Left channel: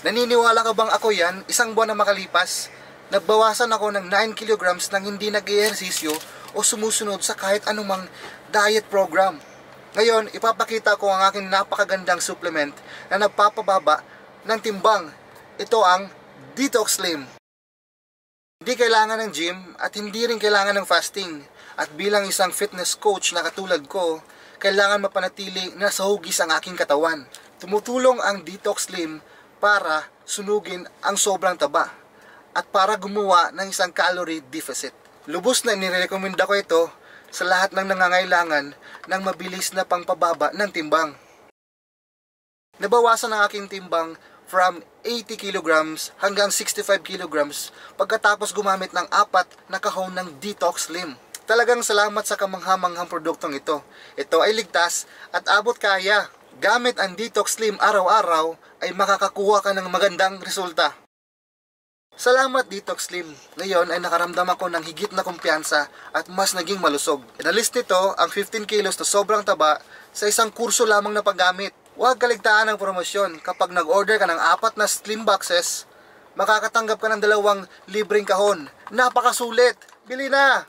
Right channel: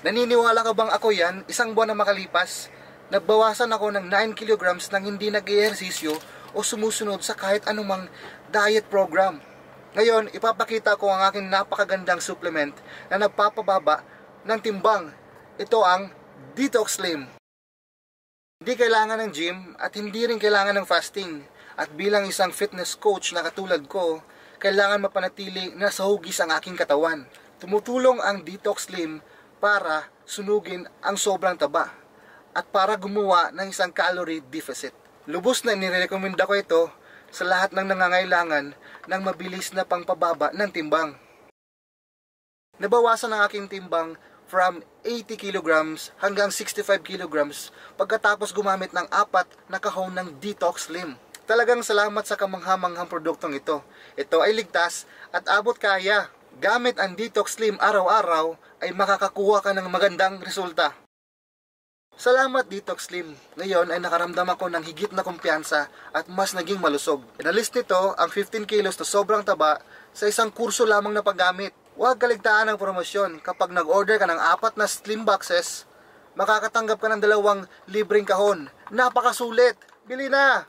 Naniniwala ka bang ako yan, isang buwan na makalipas, nagbawasan ako ng 9 kilograms nang hindi nag-ehersisyo o sumusunod sa kahit anumang diet program. Ngayon, ipapakita ko ang aking napakagandang supplement na nagpapababa ng timbang. Ito ang Detox Slim. Hindi kailangan ng gym at hindi rin kailangan ng fasting. At bilang isang fitness coach na katulad ko, kailangan mapanatili na sa hugis ang aking katawan. Tumutulong ang Detox Slim para sunugin ang sobrang taba at para gumawa ng isang calorie deficit. Lubos na inirekomenda ko ito sa lahat ng nangangailangan ng mabilis na pangpababa ng timbang. Nabawasan ang aking timbang from 80 kilograms hanggang 65 kilograms pagkatapos gumamit ng 4 na kahon ng Detox Slim. Talagang salamat sa kamanghamanghang produktong ito. Ito ay ligtas at abot kaya. Gamit ang Detox Slim araw-araw ay makakakuha ka ng magandang resulta. Salamat Detox Slim. Ngayon ay nakaramdam ako ng higit na kumpiyansa at mas naging malusog. Inalis nito ang 15 kilos na sobrang taba sa isang kurso lamang na paggamit. Huwag kaligtaan ng promosyon. Kapag nag-order ka ng 4 na slim boxes, makakatanggap ka ng 2 libreng kahon. Napakasulit! Bili na!